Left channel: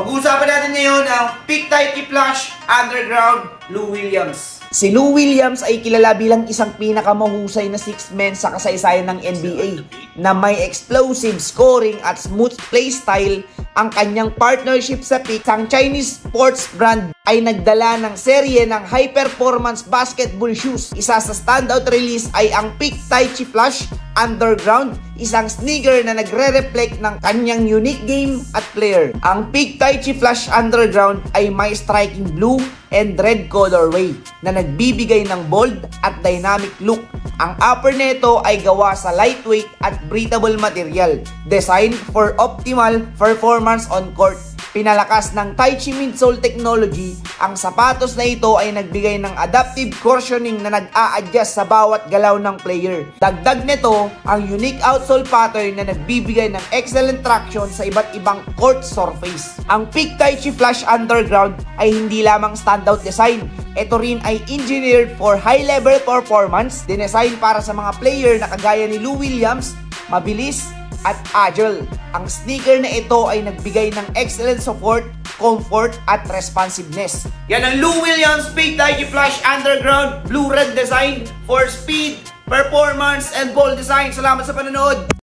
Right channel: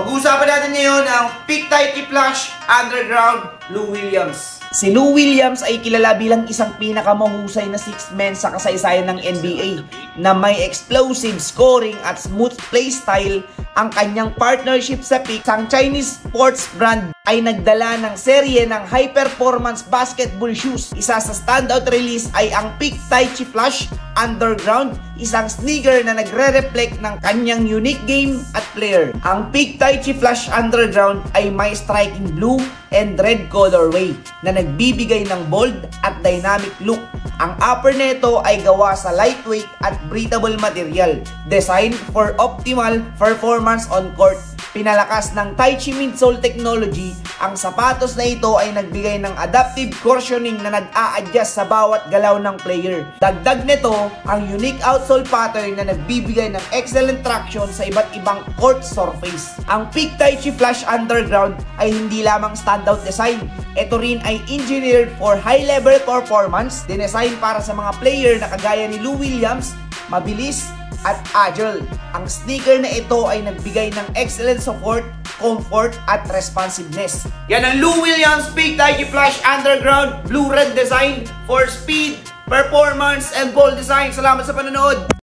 Pag-uusapan natin ngayon ang Peak Type Flash Underground Lou Williams. Si Lou Williams ay kilala bilang isang pinakamahusay na six-man sa kasaysayan ng NBA na may explosive scoring at smooth playstyle. Ang kanyang partnership sa Peak, ang Chinese sports brand, ay nagdala ng serye ng high-performance basketball shoes. Isa sa standout release ay ang Peak Type Flash Underground, isang sneaker na nagre-reflect ng kanyang unique game at player. Ang Peak Type Flash Underground ay may striking blue and red colorway na nagbibigay ng bold at dynamic look. Ang upper nito ay gawa sa lightweight at breathable material, designed for optimal performance on court. Pinalakas ng Taichi midsole technology, ang sapatos na ito ay nagbigay ng adaptive cushioning na nag-a-adjust sa bawat galaw ng player. Dagdag nito ang unique outsole pattern na nagbibigay ng excellent traction sa iba't ibang court surface. Ang Peak Type Flash Underground ay hindi lamang standout design. Ito rin ay engineered for high-level performance, dinesign para sa mga player na kagaya ni Lou Williams, mabilis at agile. Ang sneaker na ito ay nagbigay ng excellent support, comfort at responsiveness. Yan ang Lou Williams Peak Type Flash Underground Blue-Red design for speed, performance, and bold design. Salamat sa panonood!